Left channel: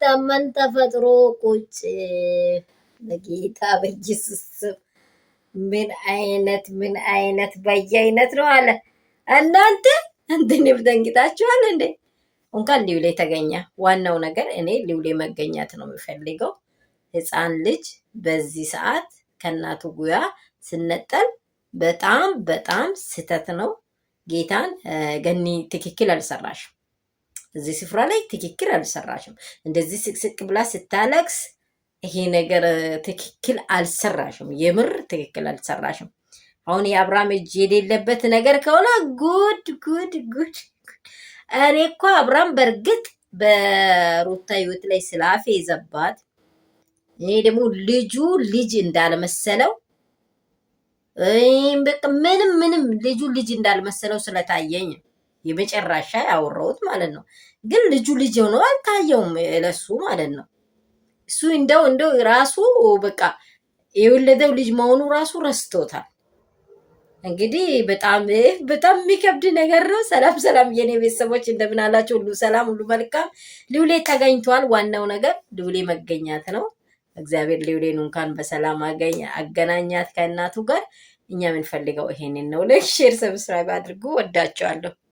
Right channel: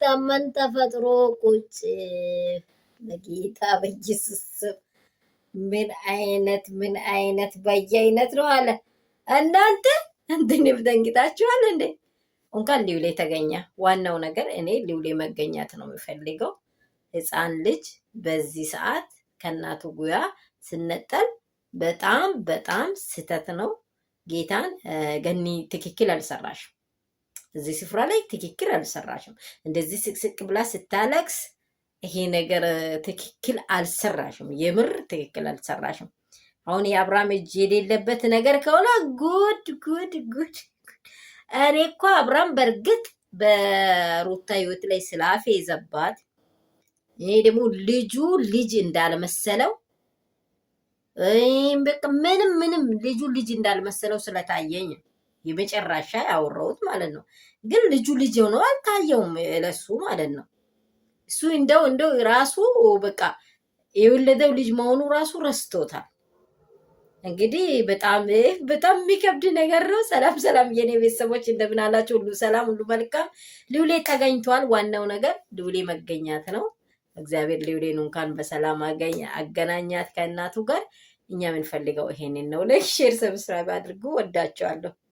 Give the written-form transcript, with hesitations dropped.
ሳይታመን ተፈጥሮ ቁጭ በጌታ በኢየሱስ ስም ምን አይነት በየአይነት ነው አለ። እናንተ እንትን ደንግጣችኋል እንዴ? እንኳን ሊውሌ ተገኘ። ዋናው ነገር እኔ ሊውሌ መገኘት ነው የምፈልገው። ህፃን ልጅ በዚህ ሰዓት ከእናቱ ጉያ ስነጠል በጣም በጣም ስህተት ነው። ጌታን ገኒ ትክክል አልሰራሽም። እዚህ ስፍራ ላይ ትክክል አልሰራሽም። እንደዚህ ስቅስቅ ብላ ስታለቅስ ይሄ ነገር ትክክል አልሰራሽም። የምር ትክክል አልሰራሽም። አሁን የአብርሃም እጅ የሌለበት ነገር ከሆነ ጉድ ጉድ ጉድ። እኔ እኮ አብርሃም በእርግጥ በሩታ ህይወት ላይ ስላፌ ዘባት፣ ይሄ ደግሞ ልጁ ልጅ እንዳልመሰለው ምንም ልጁ ልጅ እንዳልመሰለው ስለታየኝ የመጨረሻ ያወራሁት ማለት ነው። ግን ልጁ ልጅ ሆኖ አልታየውም ለሱ ማለት ነው። እሱ እንደው ራሱ በቃ የወለደው ልጅ መሆኑ ራሱ ረስቶታል። እንግዲህ በጣም የሚከብድ ነገር ነው። ሰላም የኔ ቤተሰቦች እንደምን አላችሁ? ሁሉ ሰላም፣ ሁሉ መልካም። ሊውሌ ተገኝቷል። ዋናው ነገር ሊውሌ መገኛት ነው። እግዚአብሔር ሊውሌን እንኳን በሰላም አገናኛት ከእናቱ ጋር። እኛ የምንፈልገው ይሄንን ነው። ላይክ፣ ሼር፣ ሰብስክራይብ አድርጉ። ወዳቸዋለሁ።